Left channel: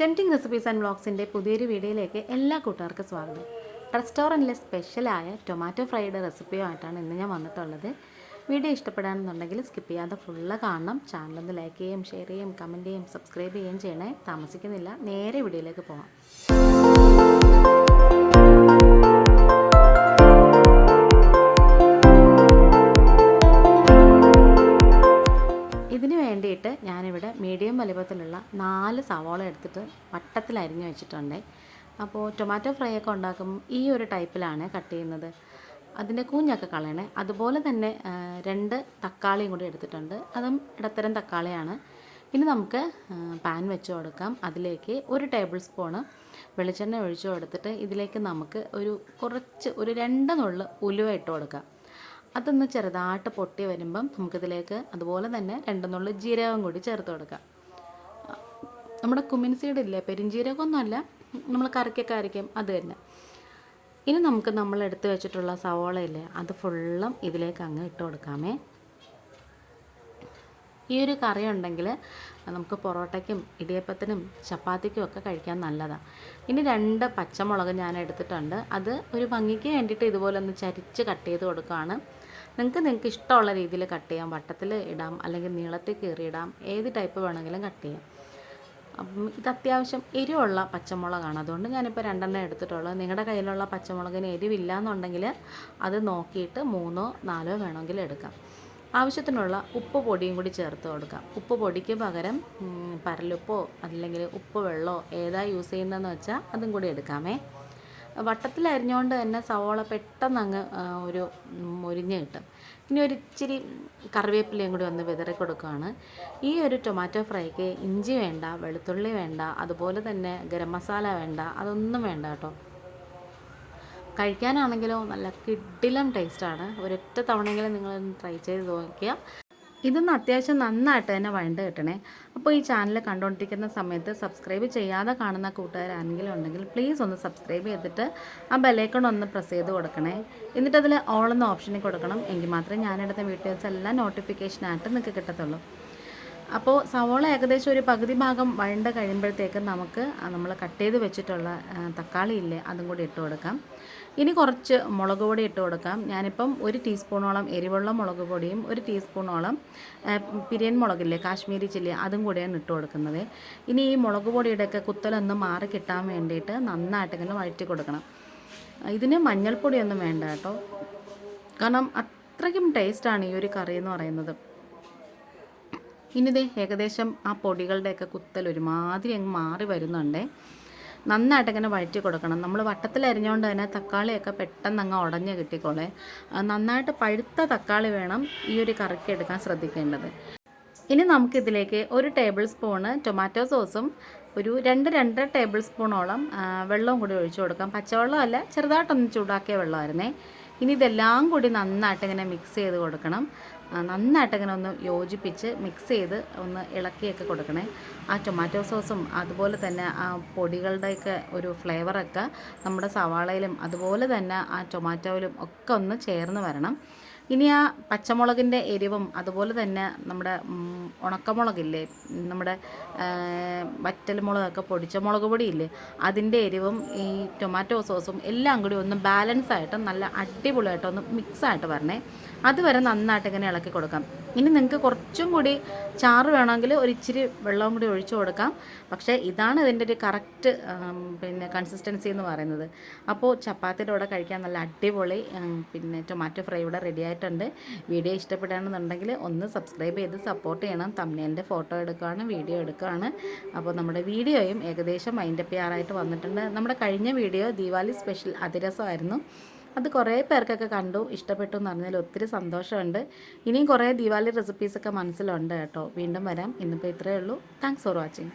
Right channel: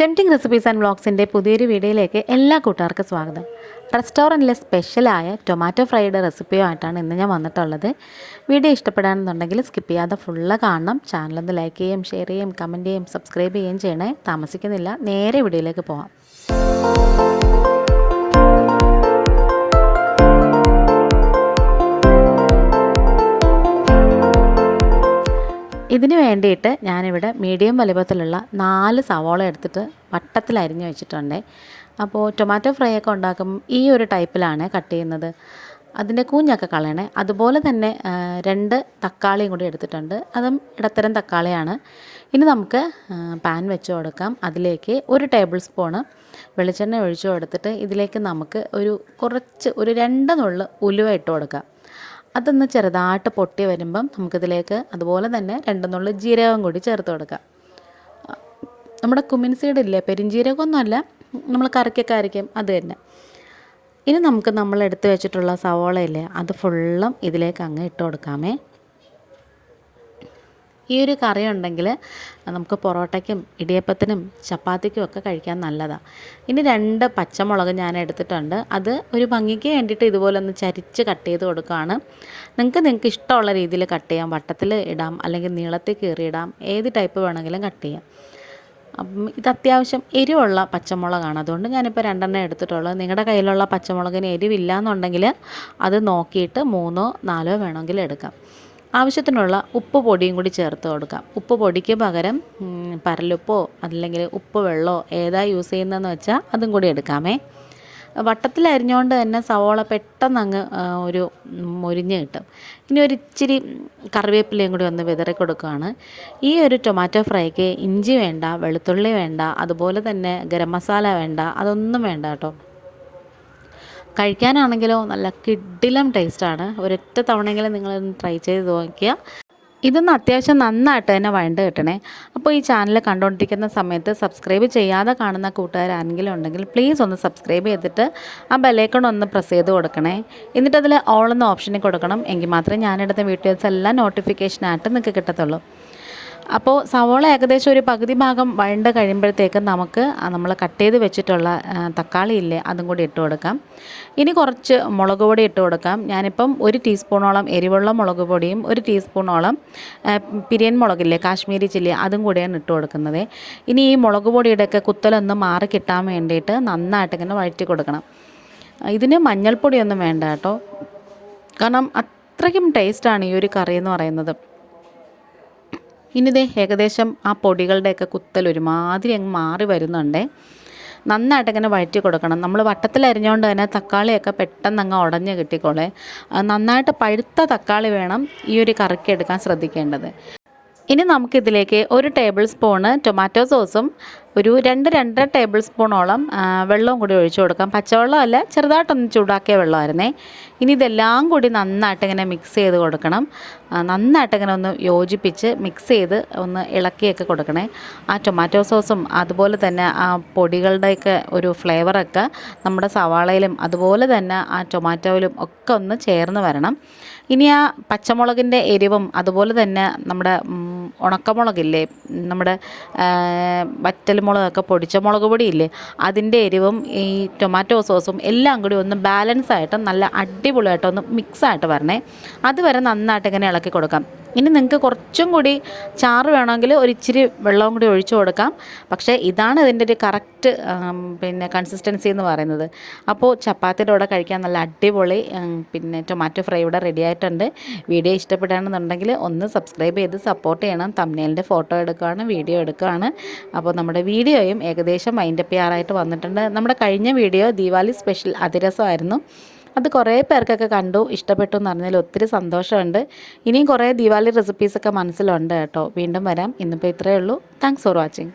Tempting recipes and വ്ളോഗ്സിന്റെ പുതിയൊരു വീഡിയോയിലേക്ക് എല്ലാ കൂട്ടുകാർക്കും സ്വാഗതം. റെസ്റ്റോറന്റിലെ സ്പെഷ്യലായ ടൊമാറ്റോ ഫ്രൈഡ് റെസിപ്പിയുമായിട്ടാണ് ഇന്ന് ഞാൻ വന്നിട്ടുള്ളത്. വീഡിയോ ഇഷ്ടപ്പെടാണെന്നുണ്ടെങ്കിൽ സ്കിപ്പ് ചെയ്യാതെ ഫുള്ള് കാണണം. ചാനലൊന്ന് ലൈക്ക് ചെയ്യുകയും ഷെയർ ചെയ്യുകയും കമന്റ് ചെയ്യുകയും സബ്സ്ക്രൈബ് ചെയ്യുകയും ചെയ്യണേ. താമസിക്കുന്നില്ല. നേരെ വീഡിയോയിലേക്ക് പോവാം. ഇതിന് വേണ്ടിയിട്ട് ഞാനിവിടെ മീഡിയം വലിപ്പത്തിലുള്ള നാല് സവോള എടുത്തിട്ട് വട്ടത്തിൽ അരിഞ്ഞു വെച്ചിട്ടുണ്ട്. അപ്പോൾ ടൊമാറ്റോ ഫ്രൈ ഒക്കെ ഉണ്ടാക്കുമ്പോൾ ഈ ഒരു ടൈപ്പിലാണ് കട്ട് ചെയ്യുന്നത്. അതിന്റെ കൂഞ്ഞൊക്കെ കളയണേ. അതുപോലെ തന്നെ രണ്ട് തക്കാളിയും കൂടി എടുത്തിട്ടുണ്ട്. അതും ഇടത്തരം തക്കാളിയാണ്. ഇനി നമുക്ക് പാൻ വെച്ച് കൊടുക്കാം. അതിലേക്ക് ഒരു ടേബിൾ സ്പൂണ് വെളിച്ചെണ്ണ ഒഴിച്ചു കൊടുത്തിട്ട് ഇതിലേക്ക് നമുക്ക് ഒരു കുറച്ച് ഒരു രണ്ട് നുള്ള് ഉലുവ ഇട്ട് കൊടുക്കാം. അതൊന്ന് ചെറുതായിട്ട് പൊട്ടി വരുമ്പം നമുക്കിതിലേക്ക് അതുപോലെ തന്നെ രണ്ടെന്നുള്ള നുള്ളു ജീരകം കൂടി ചേർത്ത് കൊടുക്കാം. നമ്മുടെ കുമിൻ സീഡ് ഇല്ലേ പെരിഞ്ജീരകമൊന്നുമല്ല നമ്മൾ കറിക്കൊക്കെ അരയ്ക്കും. അത് തന്നെ. ഇനി നമുക്ക് നമ്മൾ എടുത്തു വെച്ചിട്ടുള്ള സവോള ഇല്ലേ അത് ഫുള്ളും ഇതിലേക്ക് അങ്ങ് ഇട്ട് കൊടുക്കാമേ. ഈ ഒരു കറി ഉണ്ടെങ്കിൽ നമുക്ക് പൊറോട്ടയ്ക്കും ഇടിയപ്പത്തിനും ചപ്പാത്തിക്കും ഒക്കെ കഴിക്കാൻ നല്ലതാണ് ഇനി രണ്ട് പച്ചമുളക് ഞാൻ എടുത്തിട്ടുണ്ട്. അത് ഒരു ഭംഗിക്ക് വേണ്ടിയിട്ട് ഇതുപോലെ ഒന്ന് ചരിച്ച് കട്ട് ചെയ്ത് കൊടുക്കുകയാണ്. നിങ്ങൾക്ക് നിങ്ങൾക്ക് ഇഷ്ടമുള്ള രീതിയിൽ കട്ട് ചെയ്യാം. വട്ടത്തിൽ ഇടാം അല്ലെങ്കിൽ നീളത്തിൽ കീറിയിടാം. ഏത് ടൈപ്പ് വേണമെങ്കിലും കട്ട് ചെയ്യാം. അപ്പം ഇത് അത്യാവശ്യം എരിവുള്ള പച്ചമുളകാണ്. അതുകൊണ്ട് ഞാനിപ്പോൾ രണ്ടെണ്ണം എടുത്തിട്ടുള്ളത്. നിങ്ങളുടെ കയ്യിലുള്ള പച്ചമുളകിന് എരിവില്ല എന്നുണ്ടെങ്കിൽ അത് നോക്കിയിട്ട് മൂന്നോ നാലോ വേണമെങ്കിൽ എടുക്കാം. ആവശ്യത്തിനുള്ള ഉപ്പ് പൊടിയും കൂടി ചേർത്ത് കൊടുക്കാം. ഉപ്പ് പൊടിക്ക് പകരം പരലുപ്പോ അല്ലെങ്കിൽ ഉപ്പ് വെള്ളമോ ഏതാ യൂസ് ചെയ്യുന്നതെന്ന് വെച്ചാൽ അതും കൂടി എടുക്കാമേ. വട്ടത്തിൽ അരിഞ്ഞുകൊണ്ട് തന്നെ സവോള പെട്ടെന്ന് അങ്ങ് ഒരു മൊരിഞ്ഞ് കിട്ടും. ഇനി ഒരു ഇച്ചിരി കറിവേപ്പിലയും കൂടി ഒന്ന് വിതറി കൊടുക്കുകയാണ് ഈ ഒരു ടൊമാറ്റോ ഫ്രൈക്ക് ഇഞ്ചി വേണ്ട വെളുത്തുള്ളി വേണ്ട അതുപോലെ തന്നെ ഗരം മസാല വേണ്ട അതൊന്നും വേണ്ട കേട്ടോ. കഴിക്കാനാണെങ്കിലോ നല്ല കിഡിലം ടേസ്റ്റാണ്. ഒരൊറ്റ തവണയെങ്കിലും നിങ്ങളൊന്ന് ട്രൈ ചെയ്ത് നോക്കിയാൽ ഇതൊന്ന് അത്യാവശ്യം നന്നായിട്ട് തന്നെ വഴണ്ട് കിട്ടണേ. അപ്പോൾ ഈ ചാനൽ കണ്ടുകൊണ്ടിരിക്കുന്ന സമയത്ത് സബ്സ്ക്രൈബ് ചെയ്യാതെ കാണുന്ന കൂട്ടുകാരാണെങ്കിലും ഉണ്ടെങ്കിൽ പ്ലീസ് ഒന്ന് സബ്സ്ക്രൈബ് ചെയ്തിട്ട് ആ ബെലേക്കൺ ഒന്ന് പ്രസ് ചെയ്ത് കൊടുക്കണേ. എന്നിട്ട് അതിൽ ഓൾ എന്ന ഓപ്ഷനിൽ കൊടുക്കണം. എങ്കിൽ മാത്രമേ ഞാനെടുത്ത വീഡിയോസ് എല്ലാം നോട്ടിഫിക്കേഷനായിട്ട് നിങ്ങൾക്ക് കിട്ടത്തുള്ളൂ. അപ്പോൾ സവോള ഏകദേശം ഒരു പകുതി ഭാഗം വഴണ്ട് കഴിയുമ്പോഴത്തേക്ക് നമുക്ക് നമ്മൾ കട്ട് ചെയ്ത് വെച്ചിട്ടുള്ള തക്കാളി ഇല്ലേ അതും കൂടി ഇട്ട് കൊടുക്കാം. ഇനി കുറച്ച് മുളക് പൊടി ഇട്ട് കൊടുക്കാം. ഞാനിപ്പം ഒരു ടീസ്പൂണോളം എരിവുള്ള മുളക് പൊടിയും ഒരു ടീസ്പൂണോളം പിരിയൻ മുളകില്ലേ കാശ്മീരി ചില്ലി അതും കൂടിയാണ് ഇട്ട് കൊടുക്കുന്നത്. ഇനി ഈ മുളക് പൊടിയുടെയൊക്കെ കുത്തലൊന്ന് മാറി കിട്ടാൻ വേണ്ടിയിട്ട് നന്നായിട്ട് ഇങ്ങനെ വഴറ്റി കൊടുക്കണം. ഇതിന് മഞ്ഞൾപ്പൊടിയൊന്നും വേണ്ട കേട്ടോ. കാരണം അത്രയ്ക്കും ടേസ്റ്റാണ് ഈ ഒരു കറി എന്ന് പറയുന്നത്. ഇനി ദേ ഏകദേശം ആ പൊടികളുടെയൊക്കെ കുത്തൽ ഒരുമാതിരി അങ്ങ് മാറി വരുന്നുണ്ടേ. നന്നായിട്ട് ഇങ്ങനെ വഴറ്റി കൊടുക്കണം. നമ്മൾ വട്ടത്തിൽ അരിഞ്ഞുകൊണ്ട് തന്നെ തക്കാളിയൊക്കെ പെട്ടെന്ന് അങ്ങ് ഉടഞ്ഞ് കിട്ടിക്കോളെ. നന്നായിട്ട് പഴുത്ത തക്കാളി വേണം ഈ ഒരു കറിക്ക് എടുക്കാൻ ശ്രദ്ധിക്കേണ്ടത്. ഇനി നമുക്കിതിലേക്ക് ഒരു ടേബിൾ സ്പൂണ് ടൊമാറ്റോ സോസും ഒരു രണ്ട് രണ്ടര ടേബിൾ സ്പൂണോളം വെള്ളവും കൂടി ഒഴിച്ചു കൊടുക്കാം. പച്ചവെള്ളം അല്ല ചെറുതായിട്ടൊന്ന് ചൂടാക്കിയ വെള്ളമായിരുന്നേ. ഇനി ഇതെല്ലാം കൂടി നന്നായിട്ട് ഇങ്ങനെ മിക്സ് ചെയ്ത് കൊടുക്കണം. നന്നായിട്ട് ഇങ്ങനെ ഒന്ന് യോജിപ്പിച്ച് മിക്സ് ചെയ്ത് ഒന്ന് ഇളക്കിയൊക്കെ കൊടുക്കണേ. ആ ടൊമാറ്റോ സോസും അതുപോലെ തന്നെ ആ പൊടികളുടെയൊക്കെ ഒരു ഫ്ലേവറൊക്കെ നമ്മുടെ സവാളയിലും അതുപോലെ തന്നെ ആ ടൊമാറ്റോയിലും ഒക്കെ ഒന്ന് ചേർന്ന് വരണം. ഇനി ആ പച്ചമുളകിന്റെ എരിവും അതുപോലെ തന്നെ നമ്മുടെ ഉണക്കമുളകില്ലേ നമ്മുടെ വറ്റൽ വറ്റൽമുളകൊക്കെ പൊടിച്ച മുളക് പൊടിയില്ലേ അതിന്റെ എരിവും ഈ ടൊമാറ്റോ സോസും എല്ലാം കൂടി ഒന്ന് ബാലൻസ് ആയിട്ട് നല്ല അടിപൊളിയായിട്ട് ഒന്ന് മിക്സ് ആയിട്ട് വരണേ. അതുവരെ നന്നായിട്ട് ഇങ്ങനെ ഇളക്കി കൊടുക്കാം? ഇനി നിങ്ങൾക്ക് കുറച്ചും കൂടി ചാറ് വേണമെങ്കിൽ ഒരു ഇച്ചിരി വെള്ളവും കൂടി ഒഴിച്ചു കൊടുക്കാം. പക്ഷേ ഇതാണ് ഇതിന്റെ ഒരു കറക്റ്റ് പിന്നെ കൺസിസ്റ്റൻസി എന്ന് പറയുന്നത്. അപ്പോൾ ചപ്പാത്തിയുടെ കൂടെ കഴിക്കാൻ നല്ല അടിപൊളി പിന്നെ ടൊമാറ്റോ ഫ്രൈ ഇവിടെ റെഡി ആയിട്ടുണ്ട്. വീഡിയോ ഇഷ്ടപ്പെടുകയാണെന്നുണ്ടെങ്കിൽ ഒന്ന് സബ്സ്ക്രൈബ് ചെയ്ത് സപ്പോർട്ട് ചെയ്യണം. തമ്മിലിന്റെ ഫോട്ടോ എടുക്കുകയാണ് വീഡിയോ എടുക്കുകയാണ്. അപ്പോൾ നമ്മുടെ വീഡിയോയും ഏകദേശം മൈൻഡപ്പ് ചെയ്യാറായിട്ട് വന്നിട്ടുണ്ട്. നമ്മുടെ കഴിഞ്ഞ വീഡിയോ ദീപാവലി സ്പെഷ്യൽ അതിരസമായിരുന്നു. അത് കുറേ പേർക്കൊക്കെ കണ്ടു ഇഷ്ടപ്പെട്ടു എന്ന് പറഞ്ഞാൽ ഒത്തിരി സന്തോഷമുണ്ട്. ഇനിയും കുറേ ദീപാവലി റെസിപ്പീസൊക്കെ മനസ്സിലുണ്ട് കേട്ടോ. വീണ്ടും വരാം. ഇന്നിപ്പോൾ ഇത്രയേ ഉള്ളൂ. Thanks for watching